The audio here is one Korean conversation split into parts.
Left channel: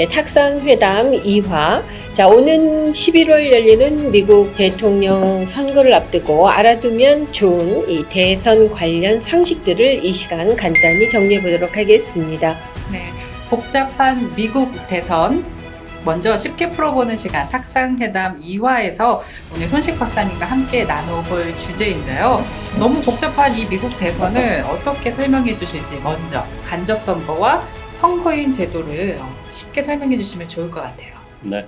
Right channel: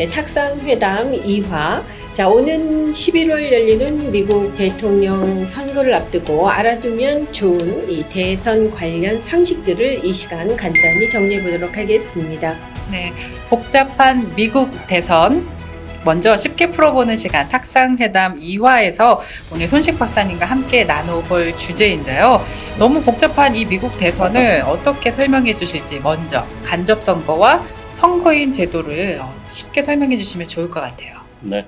네, 탁상회담 2화. 자, 오는 11월 열리는 미국 대통령 선거를 앞두고 알아두면 좋은 이 대선 관련 상식들을 이 시간 간단히 정리해 보도록 하겠습니다. 네, 복잡한 미국 대선 먼저 쉽게 풀어보는 시간 탁상회담 2화에서 오늘 손식 박사님과 함께 나눠볼 주제인데요. 너무 복잡한 이 미국 대선을 어떻게 설명해 주실지 먼저 간접선거와 선거인 제도를 쉽게 설명해 주시면 좋을 것 같아요. 네.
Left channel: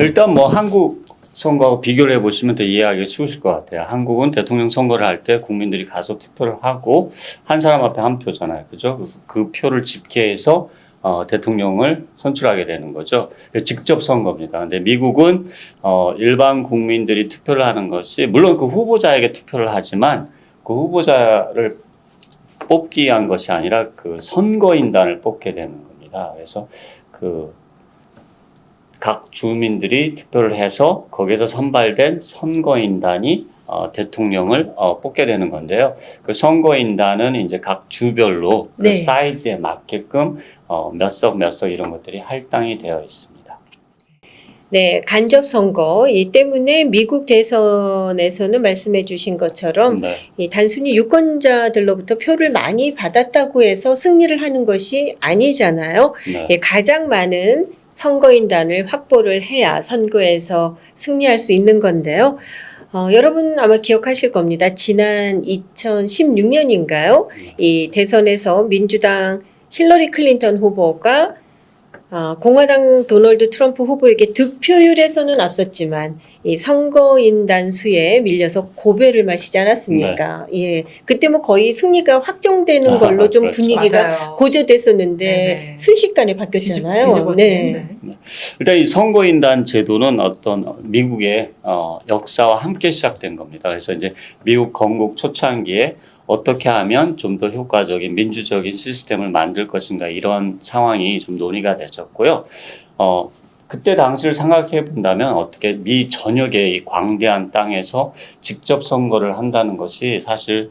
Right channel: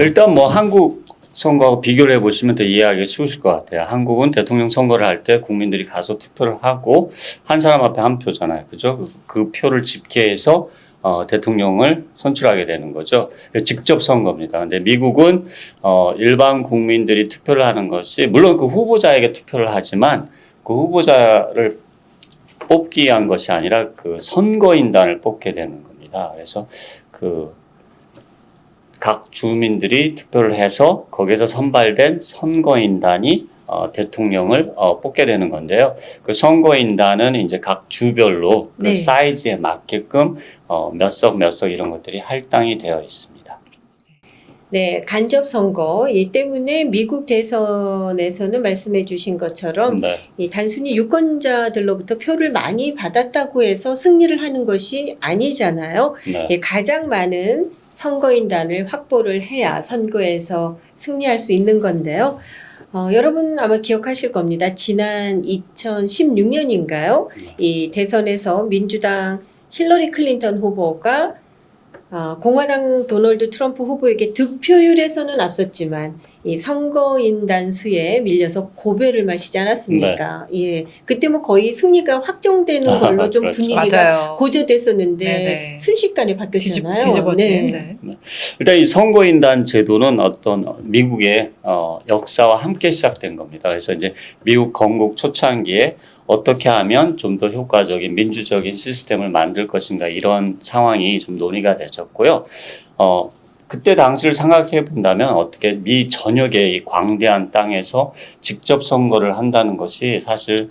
일단 뭐 한국 선거하고 비교를 해보시면 더 이해하기 쉬우실 것 같아요. 한국은 대통령 선거를 할 때 국민들이 가서 투표를 하고 한 사람 앞에 한 표잖아요. 그죠? 그 표를 집계해서 대통령을 선출하게 되는 거죠. 직접 선거입니다. 근데 미국은 일반 국민들이 투표를 하는 것이 물론 그 후보자에게 투표를 하지만 그 후보자를 뽑기 위한 것이 아니라 그 선거인단을 뽑게 되는 겁니다. 그래서 각 주민들이 투표를 해서 거기서 선발된 선거인단이 대통령을 뽑게 되는 건데요. 그 선거인단은 이제 각 주별로 그 네. 사이즈에 맞게끔 몇 석 이런 것들이 할당이 되어 있습니다. 네, 간접 선거. 이 때문에 미국 대선에서는 말씀해 주신 것처럼 네. 이 단순히 유권자들로부터 표를 많이 받았다고 해서 승리를 하는 것이 아니잖아요. 네. 예, 가장 많은 선거인단을 확보를 해야 선거에서 승리할 수 있는 건데요. 여러분 아마 기억하실 겁니다. 지난 2016년인가요? 네. 이 대선에서 민주당 힐러리 클린턴 후보가 공화당 도널드 트럼프 후보에게 득표율에서는 앞섰지만 이 선거인단 수에 밀려서 고배를 마시지 않았습니까? 예, 그때 뭐 거의 승리가 확정되는 걸로 좀 그렇죠. 분위기가 맞아요. 고조됐었는데 네네. 순식간에 바뀌었잖아요. 뒤집어진. 네. 일단 이 선거인단 제도는 어떤 미국의 역사와 함께 시작된 겁니다. 그래서 이제 미국 건국 초창기에 어떻게 하면 좀 더 효과적인 민주적인 시스템을 만들 것인가 이런 상황이 좀 논의가 되셨고요. 그때 당시를 생각해 본다면 어떻게 미 전역의 이 광대한 땅에서 직접 선거를 한다는 것이 사실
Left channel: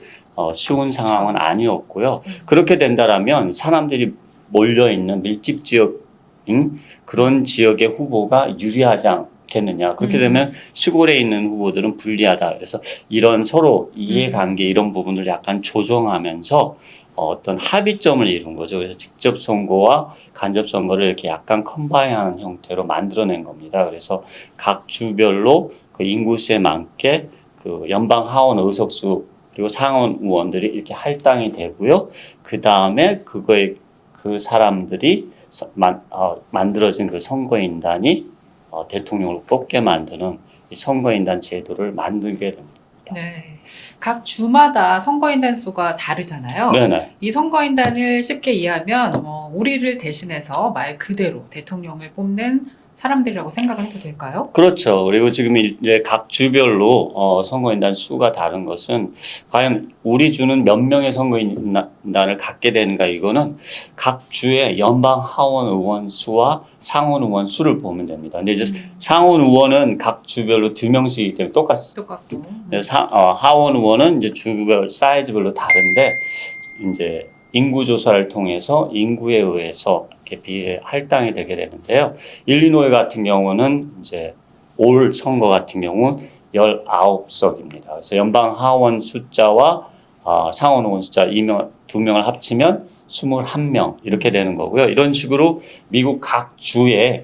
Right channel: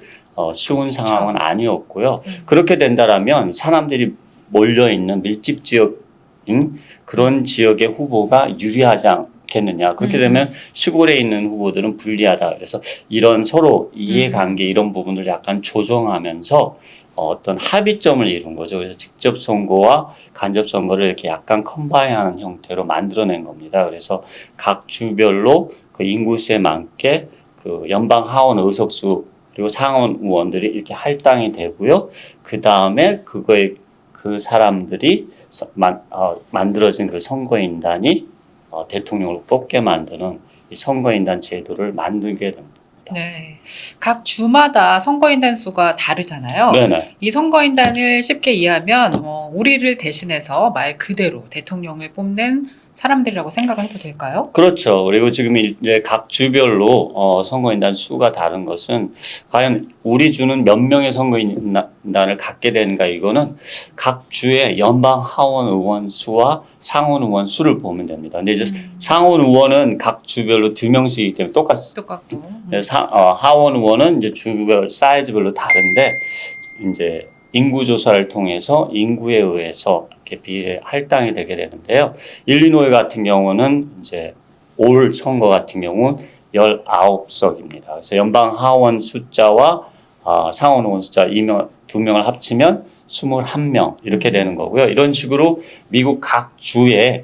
쉬운 상황은 아니었고요. 그렇게 된다라면 사람들이 몰려 있는 밀집 지역인 그런 지역의 후보가 유리하지 않겠느냐. 그렇게 되면 시골에 있는 후보들은 불리하다. 그래서 이런 서로 이해관계 이런 부분을 약간 조정하면서 어떤 합의점을 이룬 거죠. 그래서 직접 선거와 간접 선거를 이렇게 약간 컴바인하는 형태로 만들어낸 겁니다. 그래서 각 주별로 그 인구수에 맞게 그 연방 하원 의석수 그리고 상원 의원들이 이렇게 할당이 되고요. 그 다음에 그 사람들이 만들어진 그 선거인단이 대통령을 뽑게 만드는 이 선거인단 제도를 만들게 됩니다. 네, 각 주마다 선거인단 수가 다르잖아요. 네네. 이 선거인단을 쉽게 이해하면 우리를 대신해서 말 그대로 대통령을 뽑는 사람들이라고 생각을 해도 될까요? 그렇죠. 그리고 지금 이제 각 주별로 선거인단 수가 다른 것은 과연 우리 주는 몇 명의 선거인단을 갖게 되는가 이거는 각 주의 연방 하원 의원 수와 상원 의원 수를 보면 됩니다. 근데 이제 상원 의원은 각 주별로 2명씩이기 때문에 똑같고 하원 의원은 이제 주별 사이즈별로 다른데 이제 인구 조사를 통해서 인구에 의해서 이렇게 비례 할당이 되게 되는데요. 일리노이 같은 경우는 이제 올 선거 같은 경우는 19석입니다. 그래서 연방 하원 숫자와 상원 의원 숫자 2명을 합치면 21명 이렇게 되는 거고요. 이런 식으로 미국 각 주에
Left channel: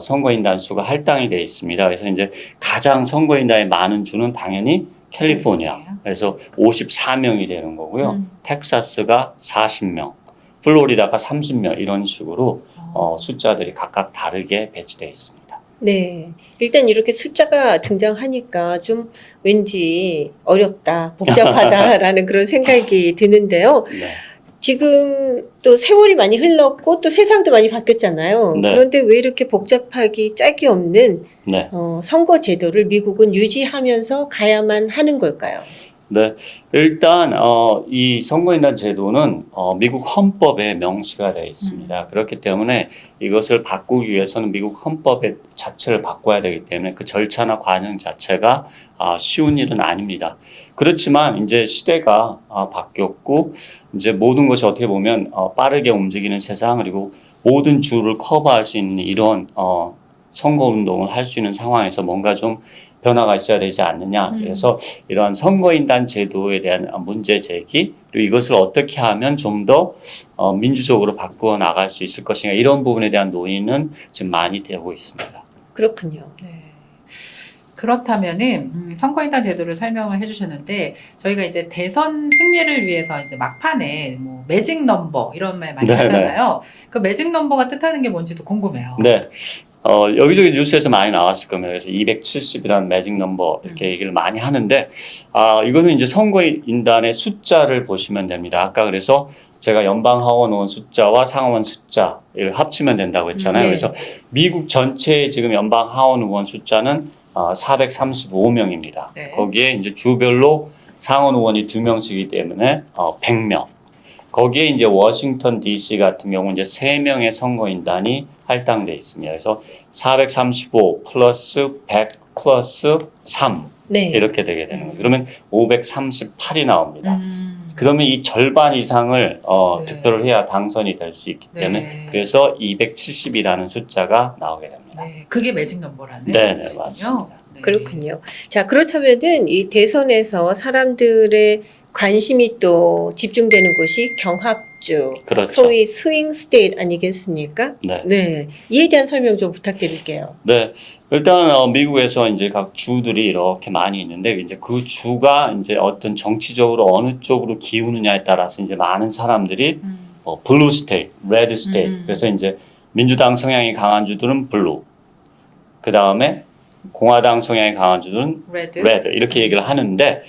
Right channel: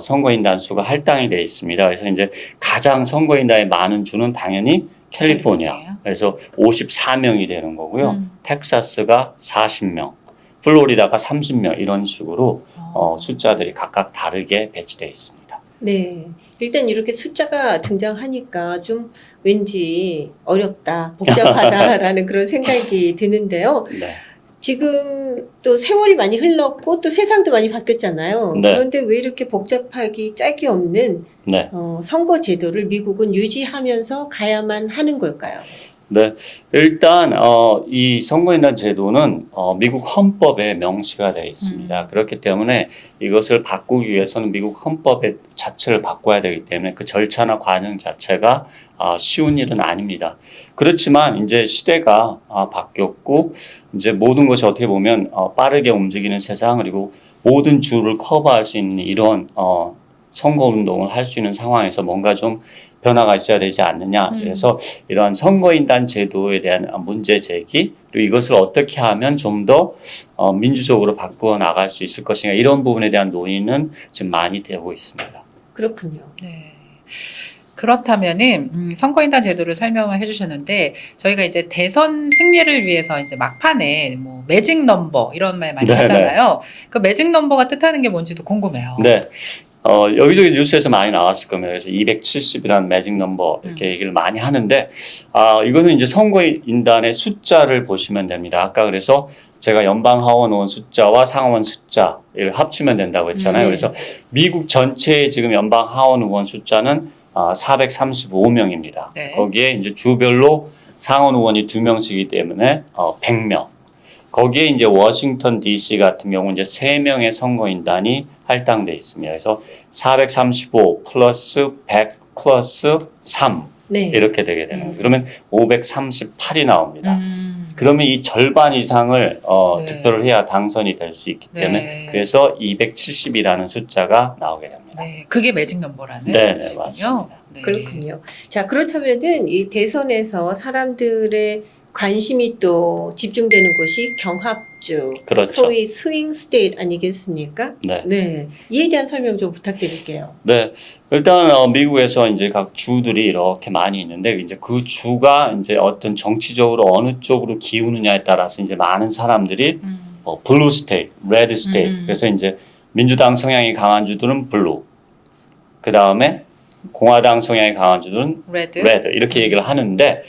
선거인단 수가 할당이 되어 있습니다. 그래서 이제 가장 선거인단이 많은 주는 당연히 캘리포니아. 그래서 54명이 되는 거고요. 텍사스가 40명, 플로리다가 30명 이런 식으로 숫자들이 각각 다르게 배치되어 있습니다. 네. 일단 이렇게 숫자가 등장하니까 좀 왠지 어렵다, 복잡하다라는 그런 생각이 드는데요. 네. 지금 또 세월이 많이 흘렀고 또 세상도 많이 바뀌었잖아요. 네. 그런데 왜 이렇게 복잡하기 짝이 없는 네. 선거 제도를 미국은 유지하면서 가야만 하는 걸까요? 네. 일단 이 선거인단 제도는 미국 헌법에 명시가 되어 있습니다. 그렇기 때문에 이것을 바꾸기 위해서는 미국 헌법의 자체를 바꿔야 되기 때문에 그 절차나 과정 자체가 쉬운 일은 아닙니다. 그렇지만 이제 시대가 바뀌었고 이제 모든 것이 어떻게 보면 빠르게 움직이는 세상 그리고 모든 주를 커버할 수 있는 이런 선거운동을 할 수 있는 상황에서 뭔가 좀 변화가 있어야 되지 않느냐. 그래서 이러한 선거인단 제도에 대한 문제 제기, 그리고 이것을 어떻게 하면 좀 더 민주적으로 바꾸어 나갈 수 있을 것인가, 이런 부분에 대한 논의는 지금 많이 되고 있습니다. 그렇군요. 네. 그렇다면은 선거인단 제도를 설명을 해주셨는데 저희가 이제 대선 승리를 위해서 이제 막판에 뭐 매직 넘버 이런 말 많이 네네. 하잖아요. 그 매직 넘버가 뜻하는 게 뭔지도 궁금해요. 네. 여기저기 뉴스에서 많이 나왔을 겁니다. 그래서 270이라는 매직 넘버 이렇게 얘기를 많이 하는데, 이거는 이제 선거인단의 숫자를 보시면 됩니다. 아까 그래서 제가 연방하원 의원 숫자와 상하원 숫자를 합치면 된다고 했잖아요. 네. 그래서 미국 전체의 지금 연방하원 의원 숫자는 435명입니다. 네. 거기에 이제 주별로 상원 의원이 2명씩이기 때문에 100명. 거기에 이제 워싱턴 DC 같은 경우 이제 3명의 선거인단이 할당돼 있습니다. 그래서 435 플러스 100 플러스 3 네. 이렇게 되게 되는 거예요. 그러면 538이 나옵니다. 음. 그러면 이 절반 이상을 네. 득표를 해야 당선이 될 수 있기 때문에 네. 그래서 270이라는 숫자가 나오게 됩니다. 네, 그게 매직 넘버라는 네, 뜻이군요. 맞습니다. 네. 그렇군요. 자, 그렇다면은 이 대선에서 사람들의 관심이 또 집중되는 곳이 경합주, 그렇죠. 소위 스윙 스테이트 아니겠습니까? 네. 네. 이에 대한 설명 좀 부탁드릴게요. 네. 일단 미국에서 이제 각 주들이 이렇게 많이 있는데 이제 그 주가 이제 어떤 정치적으로 어느 쪽으로 기우느냐에 따라서 이제 많은 사람들이 블루 스테이트, 레드 스테이트. 그래서 이제 민주당 성향이 강한 주들은 블루. 그다음에 공화당 성향이 강한 주들은 레드. 이렇게 얘기를 하는데,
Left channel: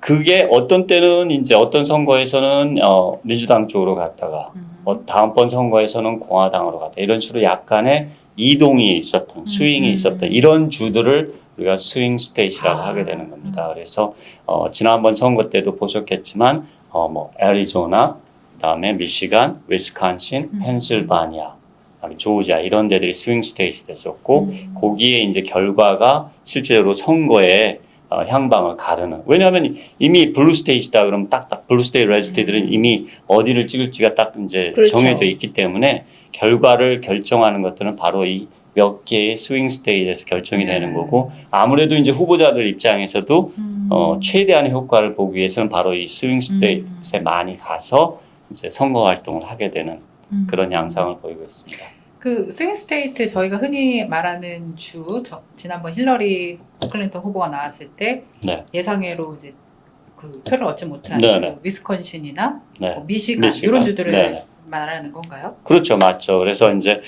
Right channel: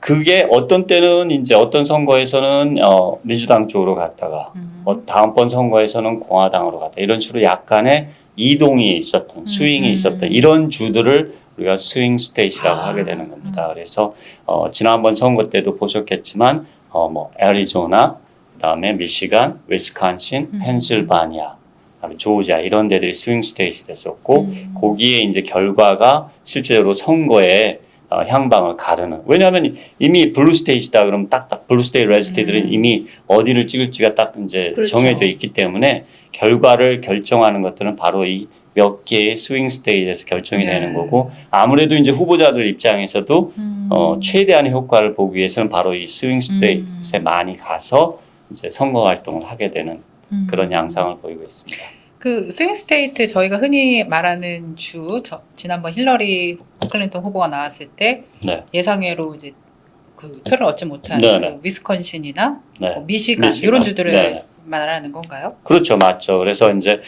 그게 어떤 때는 이제 어떤 선거에서는 민주당 쪽으로 갔다가 다음번 선거에서는 공화당으로 갔다, 이런 식으로 약간의 이동이 있었던, 스윙이 있었던 이런 주들을 우리가 스윙 스테이트라고 하게 되는 겁니다. 그래서 지난번 선거 때도 보셨겠지만 뭐 애리조나, 그다음에 미시간, 위스콘신, 펜실바니아, 그다음에 조지아, 이런 데들이 스윙 스테이트 됐었고, 거기에 이제 결과가 실제로 선거에 향방을 가르는. 왜냐하면 이미 블루 스테이트다 그러면 딱딱 블루 스테이트, 레드 스테이트들은 이미 어디를 찍을지가 딱 이제 그렇죠. 정해져 있기 때문에 결과를 결정하는 것들은 바로 이 몇 개의 스윙 스테이트에서 결정이 되는 거고, 아무래도 이제 후보자들 입장에서도 최대한의 효과를 보기 위해서는 바로 이 스윙 스테이트에 많이 가서 이제 선거 활동을 하게 되는 그런 양상을 보이고 있습니다. 그 스윙 스테이트, 저희가 흔히 말하는 주, 지난번 힐러리 클린턴 후보가 나왔을 때 네. 예상외로 이제 그 표를 얻지 못한 네네. 그 위스콘신이나 네. 미시간 이런 주들을 네네. 말하는 건가요? 그렇죠, 맞죠. 그래서 이제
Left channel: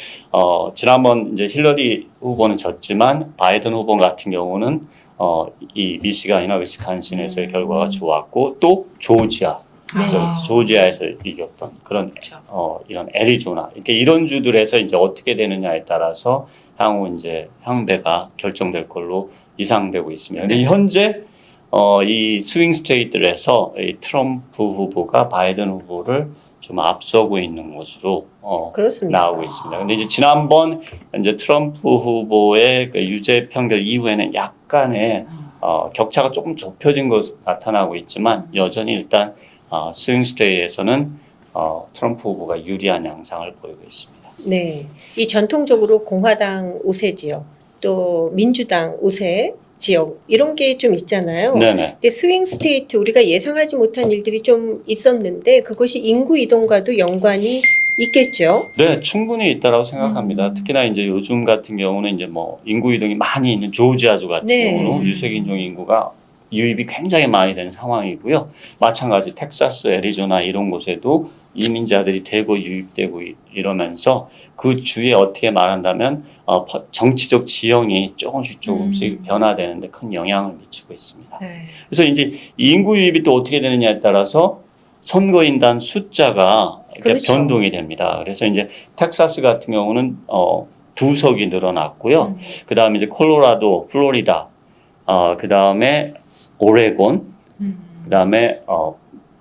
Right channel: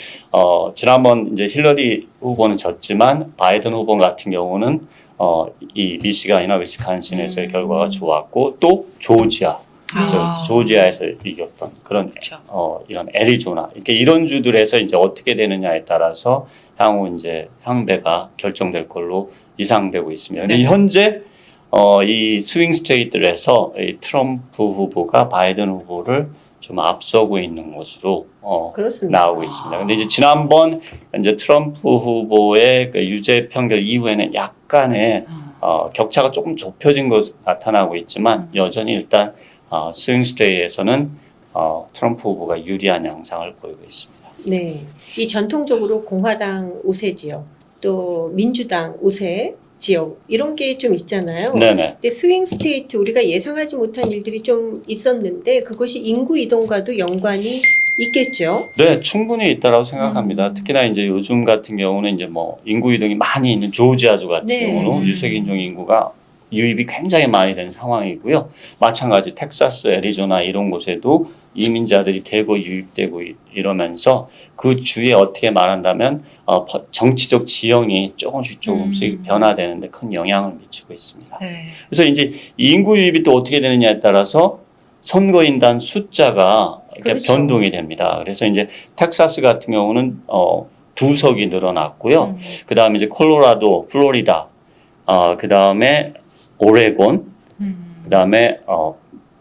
지난번 이제 힐러리 후보는 졌지만 바이든 후보 같은 경우는 이 미시간이나 위스콘신에서의 결과가 좋았고, 또 조지아, 조지아에서 이겼던 그런 그렇죠. 이런 애리조나, 이런 주들에서 이제 어떻게 되느냐에 따라서 향후 이제 향배가 결정될 걸로 예상되고 있습니다. 근데 네. 현재 이 스윙 스테이트에서 이 트럼프 후보가 바이든 후보를 좀 앞서고 있는 것으로 그렇습니다. 나오고 있습니다. 근데 이제 지난번 이제 트럼프 후보의 그 유죄 판결 이후에는 약간의 격차가 조금 좁혀진 것으로 나타나고 있지만, 여전히 일단 스윙 스테이트에서는 트럼프 후보가 유리한 양상을 보이고 있습니다. 네. 이 전통적으로 공화당 우세 지역, 또 민주당 우세 지역, 이런 게 좀 있잖아요. 네네. 근데 스윙 스테이트, 우리가 예상하지 못한 일들이 좀 있었는데 그것이 인구 이동과도 연관이 있겠죠. 네, 충분히 있다라고 생각합니다. 특히나 이제 요즘 같은 경우는 이제 뭐 인구 이동이 많이 있는 조지아주 같은 네. 경우는 유색인종 인구가 유입이 굉장히 많이 되는 상황이고요. 마찬가지 텍사스, 애리조나 이런 곳에도 이민자들이 대거 유입되고 이러면서 그 주에 어떻게 말한다면 정치적 지형이 조금씩 변화되는데 큰 영향을 미치고 있습니다. 네. 그래서 이제 이 인구 유입이 또 어떻게 되느냐에 따라서 선거인단 숫자가 이렇게 그렇죠. 변동이 됩니다. 그래서 이제 텍사스 같은 경우는 2석이 늘어났고요. 그 다음에 이제 콜로라도, 플로리다, 그 다음에 오레곤, 그 다음에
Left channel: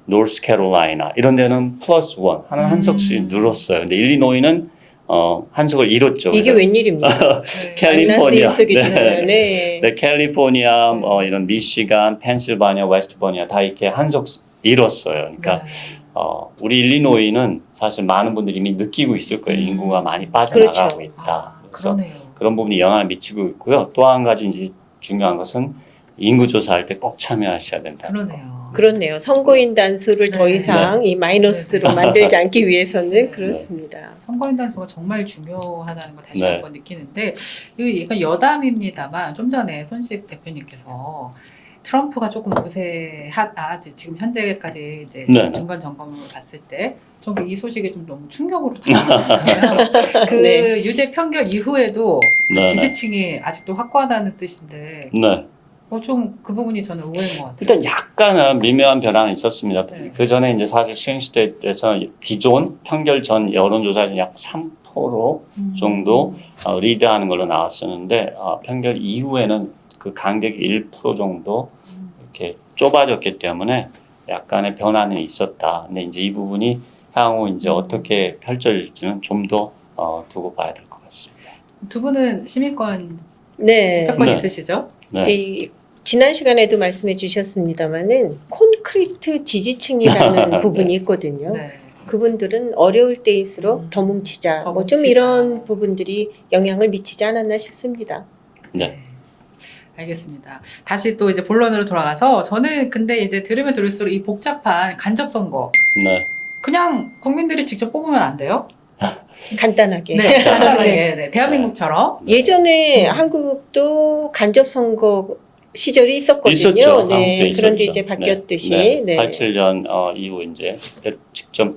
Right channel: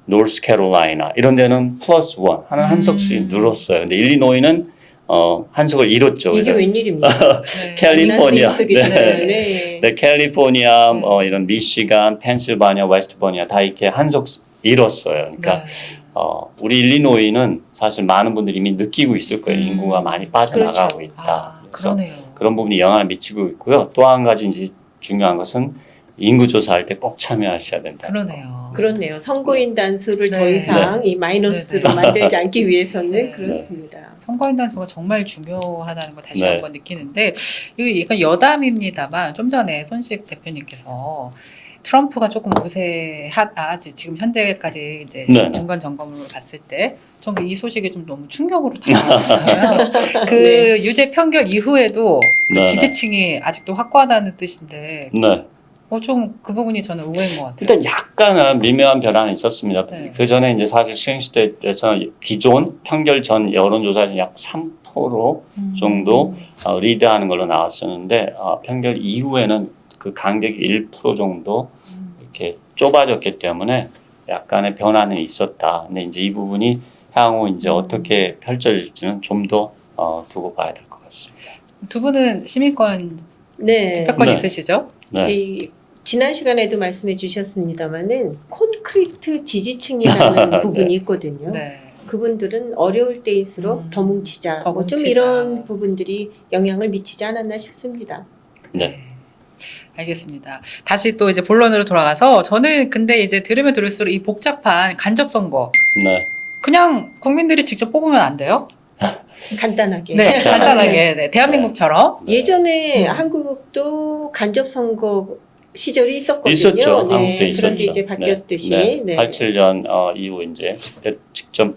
노스캐롤라이나, 이런 데는 플러스 원, 한 석씩 늘었어요. 근데 일리노이는 한 석을 잃었죠. 이게 그래서 웬일입니까? 캘리포니아, 네. 네, 캘리포니아, 이런 미시간, 펜실바니아, 웨스트버니아 다 이렇게 한 석 잃었어요. 그러니까 우리 일리노이는 사실 많은 분들이 이미 느끼고 있을 거예요. 인구가 많이 빠져나가고 그렇죠. 있다. 그래서 그러네요. 그런 부분이 영향을 미치고 있고요. 또 한 가지 이제 중요한 것은 인구 조사할 때 꼭 참여하셔야 된다. 그러네요. 그렇네요. 선거인단 수를 더 네. 이상 이 마이너스로 만들지 않기 위해서는 네. 그렇습니다. 선거인단 수가 정말 중요하다는 걸 다시 네. 한번 느끼는데 이건 여담입니다만 좀 전에 손식 대표님께서 트럼프가 조금 우세하다 지금 현재까지 이제 네. 중간 점검을 봤을 때 전 이 소식이 좀 너무 충격으로 다가왔어요. 그 네. 유죄 판결 이후에도 그 네, 지지층이 아직도 확고하다는 뜻인데 네. 좀 그 부분이 저는 의외인 것 같아요. 일단 약간은 미묘한 변화는 있었습니다. 네. 그 전에 이제 사실 시행시대에서 기존 판결 전 여론조사에서 약 3% 정도 리드하는 걸로 나왔었는데 판결 이후에는 그 간격이 1% 정도 이렇게 좁아졌기 때문에 약간의 변화는 있었다. 근데 이제 이 부분이 향후 이제 어떻게 펼쳐질지는 좀 더 두고 봐야 될 것 같습니다. 두 분은 시민권 네. 투표권 네. 있으시죠? 네. 이 지난 시간에도 말씀해 주셨습니다마는 콘크리트 지지층이라는 부분이 있거든요. 네. 그분들은 어려울 때일수록 더 뭉치자. 더 뭐 좀 뭉치자. 이런 부분들이 영향을 미치지 않았나 싶습니다. 네. 알겠습니다. 다시 또 이제 본론으로 돌아가서 저는 근데 이제 들으면 들을수록 이 복잡한 간접 선거 네. 그냥 국민들이 직접 뽑으면 안 돼요? 간단하게. 네, 간단하게 네, 대한민국처럼. 네. 예전에 음. 한국도 간접 선거 시절이 있었거든요. 있었죠. 네, 한국도 그런데 있었죠. 이제 바뀌었듯이. 네. 네. 87년 이후 이제 직접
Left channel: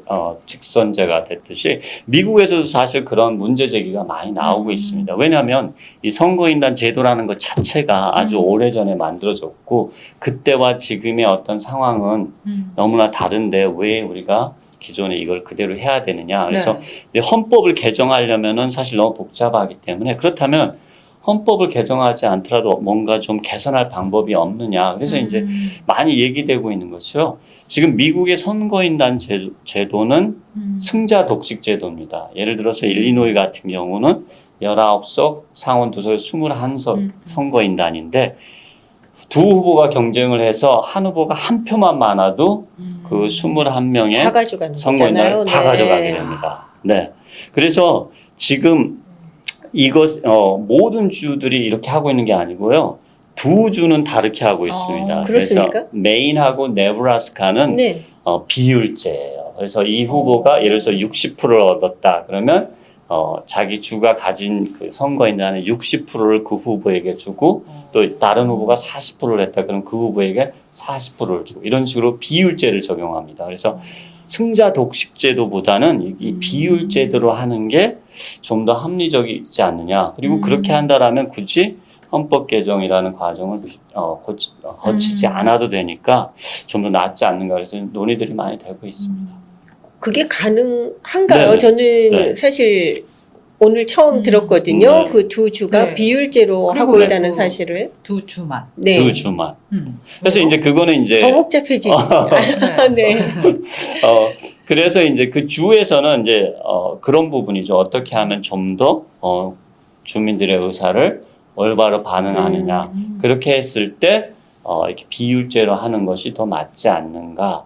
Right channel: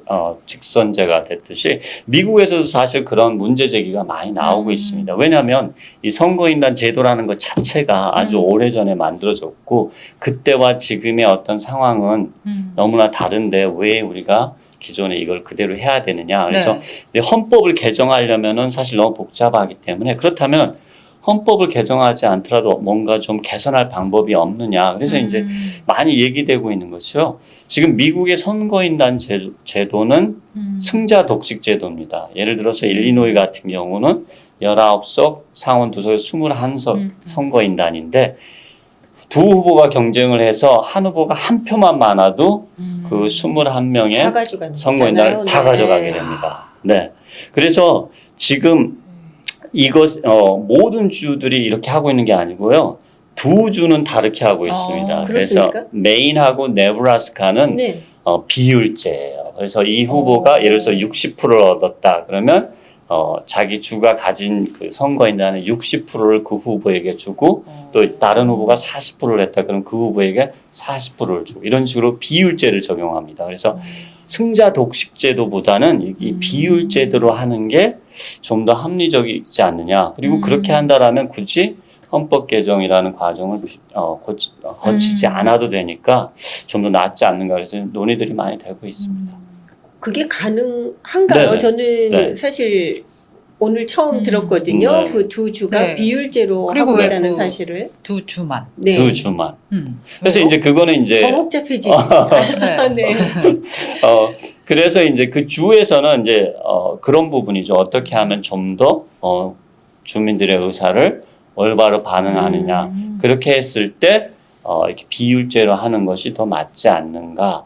직선제가 됐듯이 미국에서도 사실 그런 문제 제기가 많이 나오고 있습니다. 왜냐하면 이 선거인단 제도라는 것 자체가 아주 오래전에 만들어졌고 그때와 지금의 어떤 상황은 너무나 다른데 왜 우리가 기존에 이걸 그대로 해야 되느냐. 그래서 네. 헌법을 개정하려면은 사실 너무 복잡하기 때문에 그렇다면 헌법을 개정하지 않더라도 뭔가 좀 개선할 방법이 없느냐. 그래서 이제 많이 얘기되고 있는 것이요. 지금 미국의 선거인단 제도는 승자 독식 제도입니다. 예를 들어서 일리노이 같은 경우는 19석, 상원 2석, 21석 선거인단인데 두 후보가 경쟁을 해서 한 후보가 한 표만 많아도 그 21명의 다 가져가는 선거인단을 거잖아요. 다 네. 가져가게 됩니다. 네. 그래서 지금 이것 모든 주들이 이렇게 하고 있는 게 아니고요. 두 주는 다르게 하고 있습니다. 그래서 그렇습니까? 메인하고 네브라스카는 네. 비율제예요. 그래서 이 후보가 예를 들어서 60%를 얻었다. 그러면 자기 주가 가진 그 선거인단의 60%를 그 후보에게 주고 또 다른 후보가 40%를 했다. 그럼 그 후보에게 40%를 주고 이런 식으로 비율제를 적용합니다. 그래서 승자 독식제도보다는 이 비율제대로 하는 게 좀 더 합리적이지 않느냐. 그리고 그렇게 한다라면 굳이 헌법 개정이라는 과정을 거치지 않아도 되니까 좀 더 낫지 않는가. 그래서 논의들이 많이 되고 있습니다. 그게 가능한가요? 네네. 저는 네. 사실 오늘 처음 들었거든요. 네. 그 두 주가 네. 비율제로 그리고 하고 왜 있다는 그- 사실을. 두 주만. 네. 두 주만. 그래서 이제 그거는 더 이제 복잡해지지. 네. 네. 그래서 이제 그 주에서는 이제 그런 부분이죠. 어떻게 하면 좀 더 주민들의 의사를 올바로 반응하느냐. 그렇게 했을 때 이렇게 비율제로 하는 것이 더 맞지 않는가.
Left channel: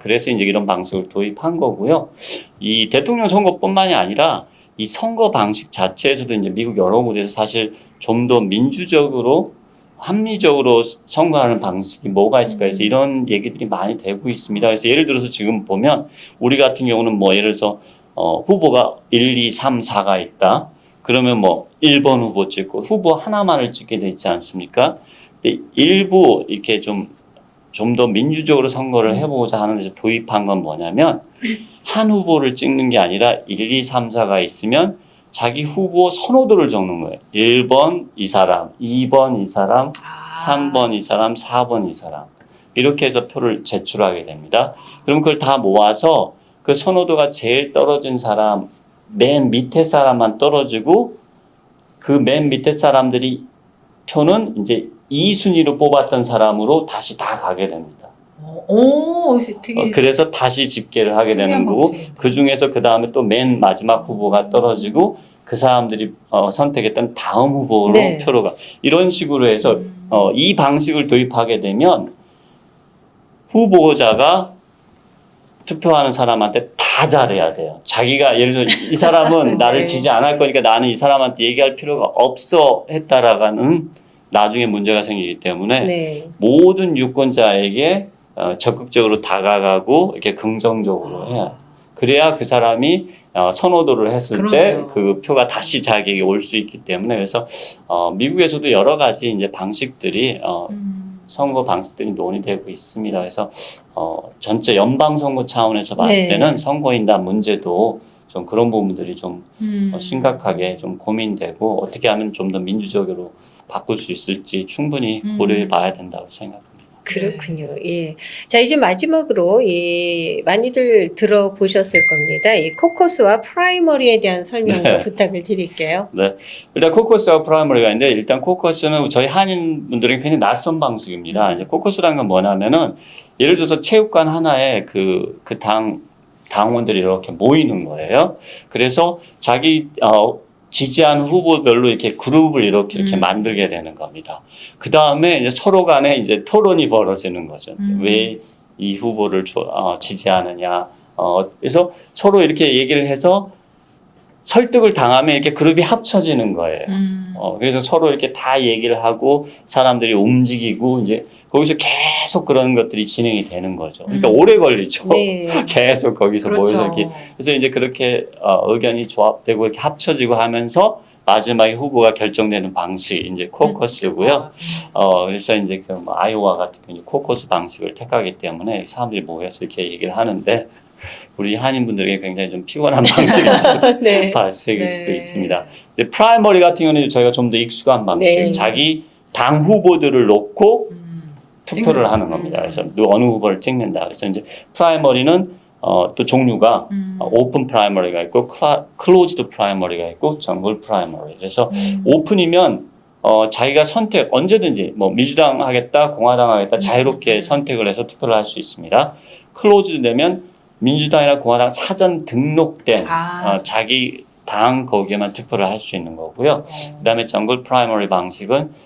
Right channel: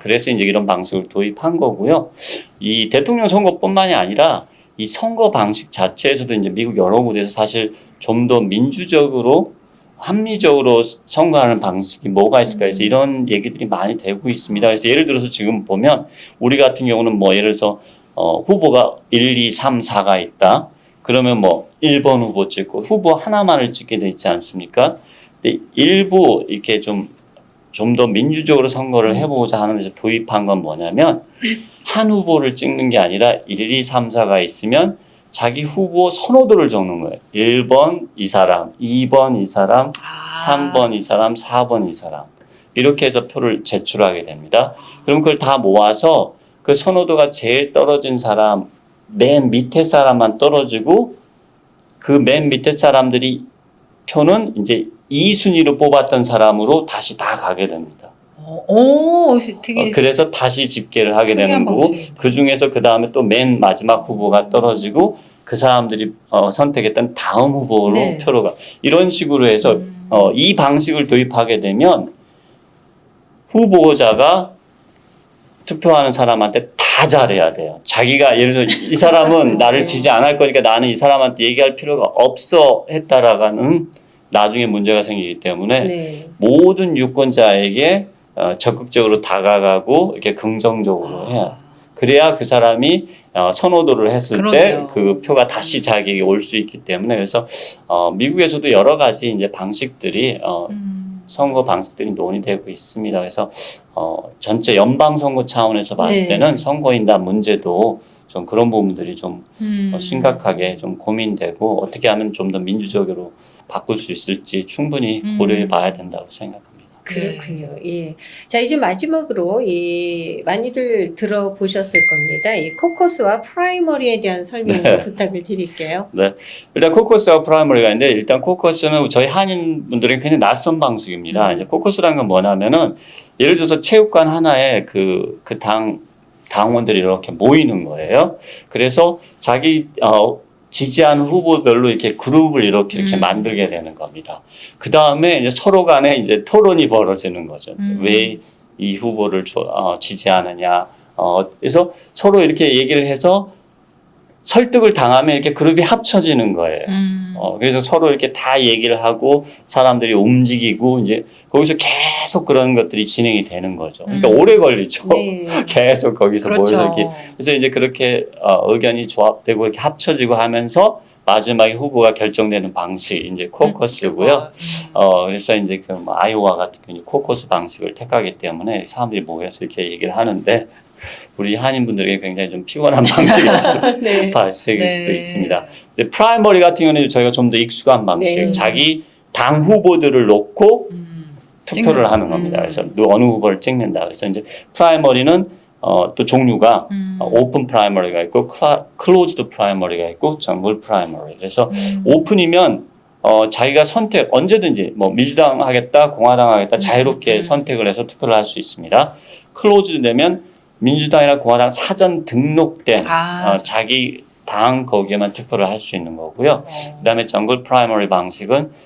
그래서 이제 이런 방식을 도입한 거고요. 이 대통령 선거뿐만이 아니라 이 선거 방식 자체에서도 이제 미국 여러 곳에서 사실 좀 더 민주적으로 합리적으로 선거하는 방식이 뭐가 있을까 해서 이런 얘기들이 많이 되고 있습니다. 그래서 예를 들어서 지금 보면 우리 같은 경우는 뭐 예를 들어서 후보가 1, 2, 3, 4가 있다. 그러면 뭐 1번 후보 찍고 후보 하나만을 찍게 돼 있지 않습니까? 근데 일부 이렇게 좀 더 민주적으로 선거를 해보고자 하는 데서 도입한 건 뭐냐면 한 후보를 찍는 게 아니라 1, 2, 3, 4가 있으면 자기 후보 선호도를 적는 거예요. 1번 이 사람, 2번 이 사람, 3번 이 사람, 4번 이 사람. 이렇게 해서 표를 제출하게 됩니다. 그럼 그걸 다 모아서 그 선호도가 제일 떨어진 사람, 맨 밑에 사람만 떨어지고 그 맨 밑에 사람들이 표는 이제 2순위로 뽑았던 사람으로 다시 다 가게 됩니다. 오, 되게 그래서 다시 집계를 하게 되는 특이한 거고 방식이다. 그 중에서 그 다음에 또 맨 마지막 후보가 떨어지고 그 사람들이 선택했던 다음 후보로 네. 표로 가. 이런 식으로 해서 이 방식을 도입하게 되면 후보자가 투표하는 사람한테 다 잘해야 돼요. 자기가 예를 들어 이 사람은 나를 지지 안 할 거니까 나는 이 사람한테 얘기할 필요가 없어 했다라가는 나중에 문제가 생기기 때문에 네. 모든 유권자에게 적극적으로 다가가고 이렇게 긍정적으로 해요. 그래야 그 사람이 선호도를 했을 때 그러네요. 그 표가 다시 자기에게 올 수 있기 때문에 그래서 미국에서도 여러 가지 이제 방식들이 선거 방식들이 논의되고 있습니다. 그래서 전체 연방 선거 차원에서 봤을 네. 때는 선거인단 문제도 좀 그런 부분들이 좀 심각하게 좀 고민되고 어떻게 하면 좀 더 민주적으로 바꿀 수 있을지 충분히 고려해 봐야 된다고 생각합니다. 그렇군요. 예. 자, 이제 마지막으로 많이들 들어보셨을 겁니다. 이 코커스와 프라이머리에 대한 설명 네. 부탁을 드릴게요. 네. 일단 코커스와 프라이머리가 있는데 일단 코커스는 저희 한인분들에게 굉장히 낯선 방식입니다. 이제 코커스라는 건 뭐냐면은 예를 들어서 체육관 하나에 그 당원들이 이렇게 모이는 거예요. 그래서 자기 지지하는 후보별로 이렇게 그룹을 이렇게 만들게 되는 겁니다. 그 다음에 이제 서로 간에 이제 토론이 벌어지는 거죠. 왜 이 후보를 지지하느냐. 그래서 서로 이렇게 얘기를 해서 설득을 당하면 이렇게 그룹이 합쳐지는 거예요. 그래서 서로 이렇게 다 얘기를 하고 사람들이 움직이고 이제 거기서 계속 그런 것들이 진행이 되는 거죠. 그러니까 오래 걸리죠. 네. 계속 거기서 그렇죠. 모여서 이렇게 그래서 이제 그렇게 의견이 조합되고 이렇게 합쳐지고 하면서 마지막에 후보가 결정되는 방식이 이제 코커스고요. 그래서 이제 그 뭐 아이오와 같은 경우 코커스 방식을 택하기 때문에 사람들이 모여서 이렇게 얘기를 하는데 우리 한인분들에게 굉장히 좀 피곤한 방식일 네. 수도 있습니다. 근데 프라이머리 같은 경우는 저희가 좀 더 익숙한 방식, 네. 자기 당 후보들을 놓고 투표를 하는 겁니다. 그래서 어느 후보를 찍는다. 그래서 이제 프라이머리는 또 종류가 오픈 프라이머리가 있고 클로즈드 프라이머리가 있고 정글 프라이머리. 그래서 오픈이면 자기가 언제든지 뭐 민주당 하겠다, 공화당 하겠다 자유롭게 선택을 해서 투표를 할 수 있습니다. 클로즈드 되면 민주당이나 공화당 사전 등록된 자기 당 거기에만 투표를 할 수 있는 거고요. 그다음에 정글 프라이머리 방식은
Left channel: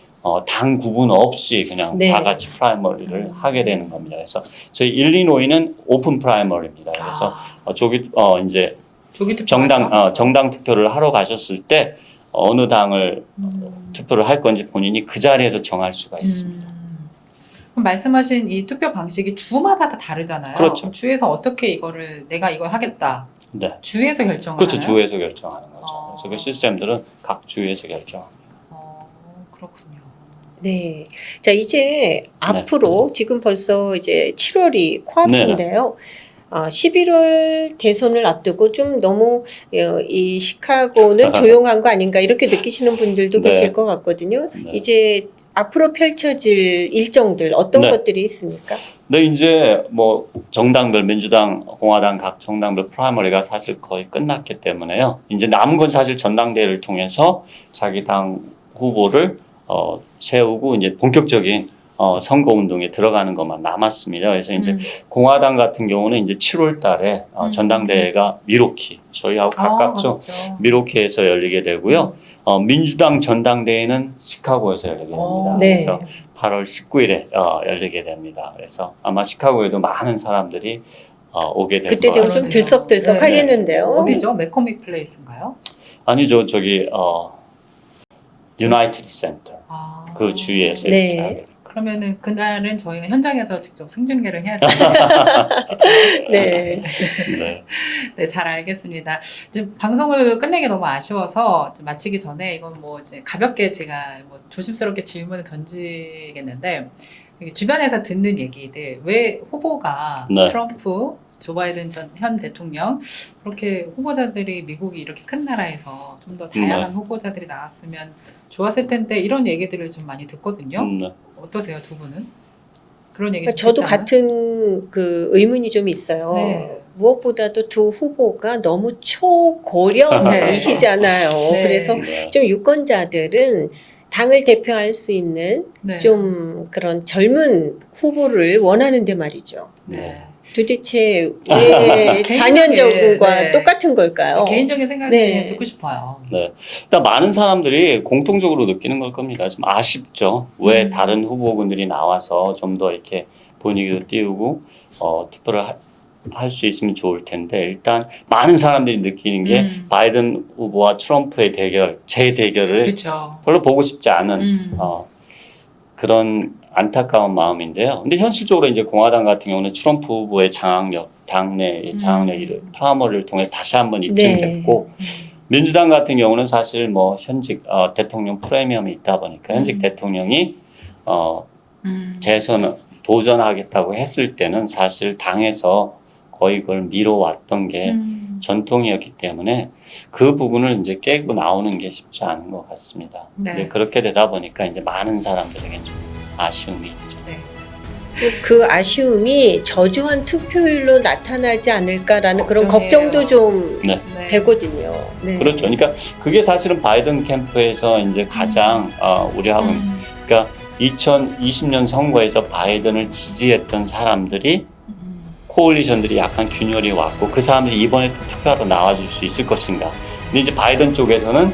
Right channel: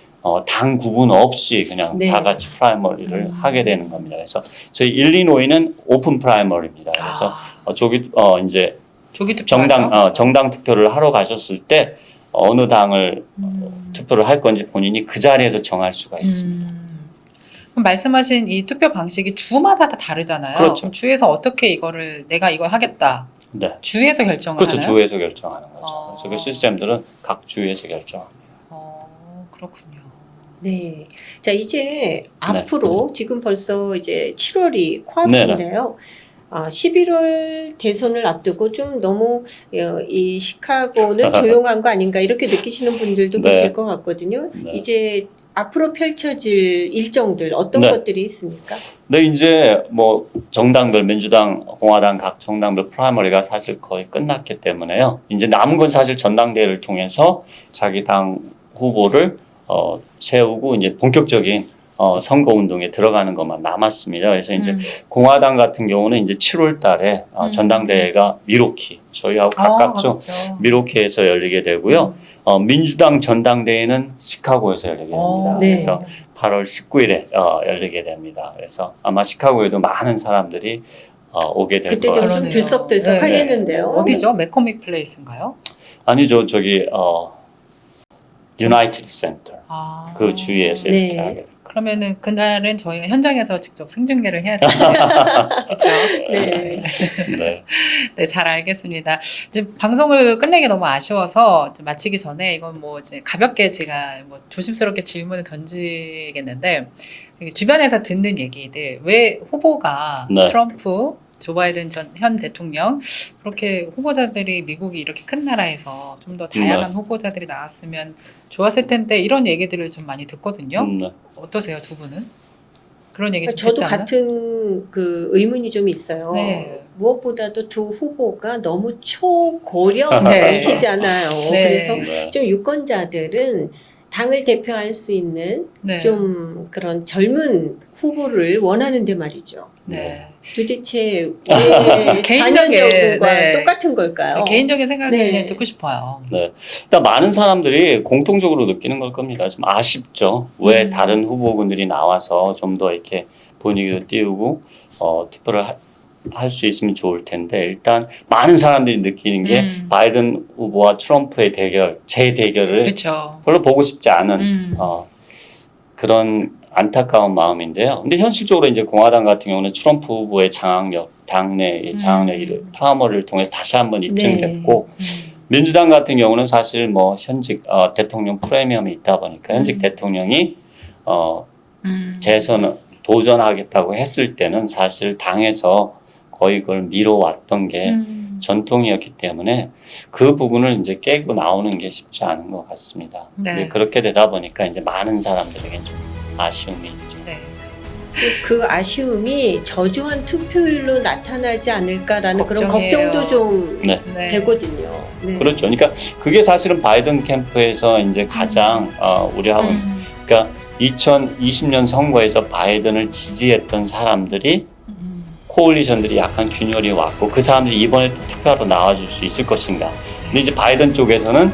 당 구분 없이 그냥 네. 다 같이 프라이머리를 하게 되는 겁니다. 그래서 저희 일리노이는 오픈 프라이머리입니다. 그래서 이제 조기 투표 정당 투표를 하러 가셨을 때 어느 당을 투표를 할 건지 본인이 그 자리에서 정할 수가 있습니다. 그럼 말씀하신 이 투표 방식이 주마다 다 다르잖아요. 그렇죠. 주에서 어떻게 내가 이걸 하겠다. 네. 주에서 결정을 그렇죠. 하나요? 주에서 결정하는 거죠. 그래서 그 시스템들은 각 주에서 결정합니다. 그렇군요. 네. 자, 이제 앞으로 지금 벌써 이제 7월이 네. 코앞인데요. 11월 대선을 앞두고 좀 너무 이 시카고는 조용한 거 아닌가 이렇게 느끼시는 분들도 네. 계실 것 같거든요. 네. 이제 앞으로 펼쳐질 일정들 어떤 네. 것들이 있습니까? 네, 이제 뭐 정당별 민주당, 공화당 각 정당별 프라이머리가 사실 거의 끝났기 때문에요. 이제 남은 건 사실 전당대회를 통해서 자기 당 후보를 세우고 이제 본격적인 선거 운동에 들어가는 것만 남았습니다. 그래서 이제 공화당 같은 경우는 이제 7월 달에 전당대회가 미로키, 저희하고 가깝죠. 그렇죠. 미로키에서 열리게 되고요. 민주당 전당대회는 시카고에서 열리게 됩니다. 네. 그래서 8월 19일에 열리게 됩니다. 그래서 아마 시카고에도 많은 사람들이 오게 될 것 그때 되면 좀 같습니다. 들썩들썩 네. 하겠는데요. 어디죠? 맥코믹 플레이스인가요? 아니죠, 저기 유나이티드 센터 그 주위에서 네. 이렇게 하게 됩니다. 그러면은 그날은 저희가 현장에서 직접 생중계를 해야 되죠. 네. 네. 네, 잘 알겠습니다. 이제 방송을 끝내기 너무 아쉬워서 좀 마치기 전에 이건 뭐 이제 가볍게 제가 뭐 조심스럽게 질문을 던지겠는데 주변에서 듣는 얘기들 왜 후보가 네. 트럼프, 조 바이든 현 대통령 그렇게 후보자들이 미국이 이렇게 큰 나라에서 좀 더 다양한 후보자들이 나왔으면 좋았을 텐데 이런 얘기들을 좀 많이 듣거든요. 네. 어떠세요, 두 분은? 그런 얘기 좀 저도 듣잖아요. 같은 그 의문이 좀 있어요. 네. 무엇보다도 두 후보가 너무 초고령이시잖아요. 네. 그래서 네. 좀 유권자들은 당을 대표할 수 있는 네. 좀 그런 젊은 후보를 원하는데 말이죠. 네. 도대체 왜 개인적인, 4년 전과 네. 똑같은 걸까요? 개인적인 생각을 네. 듣고 싶어요. 일단 많은 사람들이 공통적으로 느끼는 걸 겁니다. 좀 아쉽죠. 왜 다른 후보군들이 나와서 좀 더 이렇게 분위기도 띄우고 투표를 할 수 있으면 좋을 텐데 일단 많은 사람들이 느끼는 게 바이든 후보와 트럼프의 대결, 재대결을 그렇죠. 별로 보고 싶지 않은 음. 그런 안타까운 마음인데요. 근데 현실적으로 이제 공화당 같은 경우는 트럼프 후보의 장악력, 당내 장악력이 프라이머리를 통해 다시 한번 입증됐고 민주당 같은 경우는 사실 뭐 현직 대통령 프리미엄이 있다 보니까 현직 대통령이 재선 도전하겠다고 했을 때는 사실 당에서 거의 그걸 미뤄왔던 게 전통이었기 때문에 그 부분을 이제 깨고 나오는 게 쉽지 않은 것 같습니다. 네. 근데 그렇게 되다 보니까 이제 많은 사람들에게 좀 아쉬움이 있죠. 네. 그 아쉬움이 저조한 투표율로 나타나지 않을까라는 그런 걱정이에요. 걱정도 좀 네. 네. 되거든요. 네. 그렇죠. 그러니까 그게 사실은 바이든 캠프에서 이제 가장 우려하고 있는 그러니까 2020년 선거에서 바이든을 지지했던 사람들이 코올리션들이 약간 균열이 왔고 그 사람들이 이번에 투표하러 나와줄 수 있을 것인가. 근데 이제 바이든 쪽에서는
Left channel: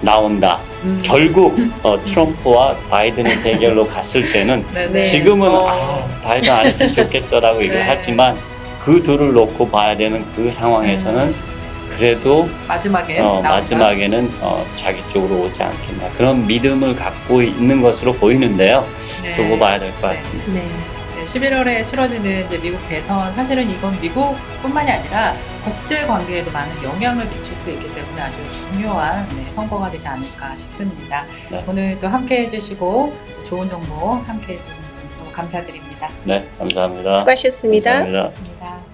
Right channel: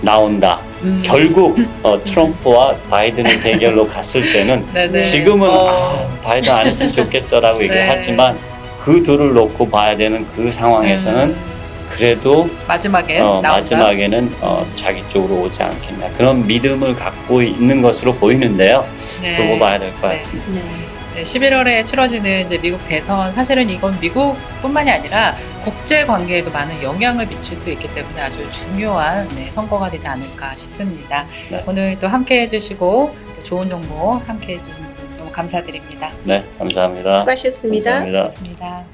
나온다. 결국 트럼프와 바이든의 대결로 갔을 때는 네네. 지금은 바이든 안 했으면 좋겠어라고 얘기를 네. 하지만 그 둘을 놓고 봐야 되는 그 상황에서는 그래도 마지막에 나온다. 마지막에는 자기 쪽으로 오지 않겠나 그런 믿음을 갖고 있는 것으로 보이는데요. 네. 두고 봐야 될 것 같습니다. 네. 네, 11월에 치러지는 이제 미국 대선 사실은 이건 미국뿐만이 아니라 국제 관계에도 많은 영향을 미칠 수 있기 때문에 아주 중요한 선거가 되지 않을까 싶습니다. 네. 오늘 또 함께 해주시고 또 좋은 정보 함께 해주신 분 너무 감사드립니다. 네, 감사합니다. 수고하셨습니다. 감사합니다. 고맙습니다.